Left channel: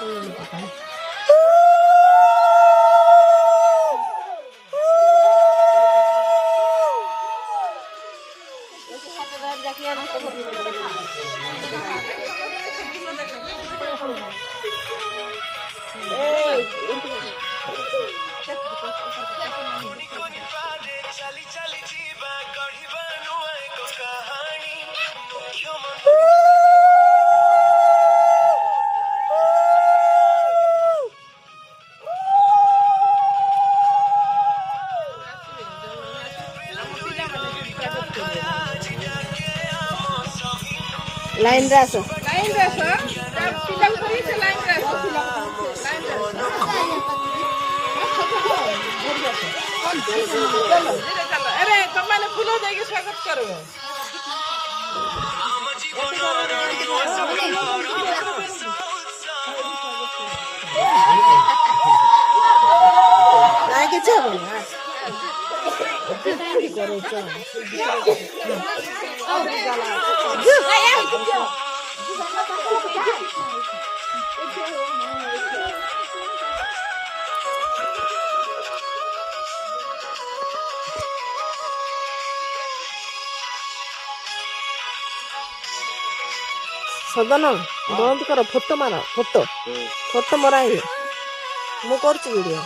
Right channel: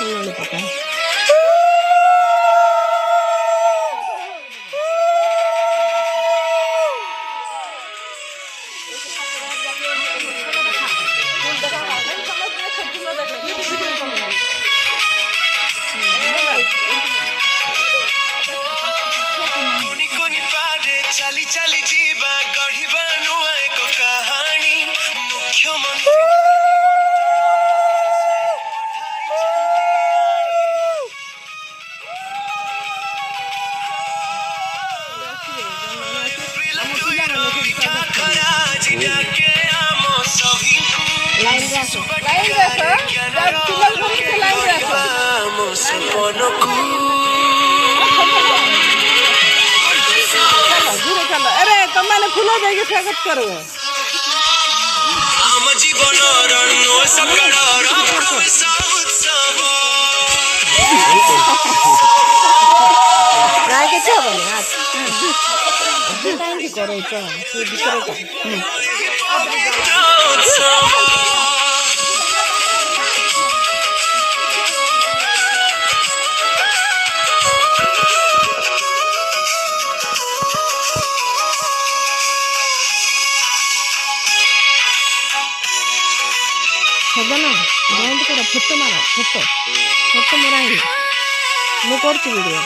fully পোকা चाली चाली जीवा गढ़िबा नुआ एको कहानी লাইন রাখো चलो घूरे चलो अरे तुम्हारे फूलों जाएगी स्वागत करो राय के क्या बने आज दुकान की करो चलो सदन बंद कर फोटो मार फोटो मरा मु कर वीडियो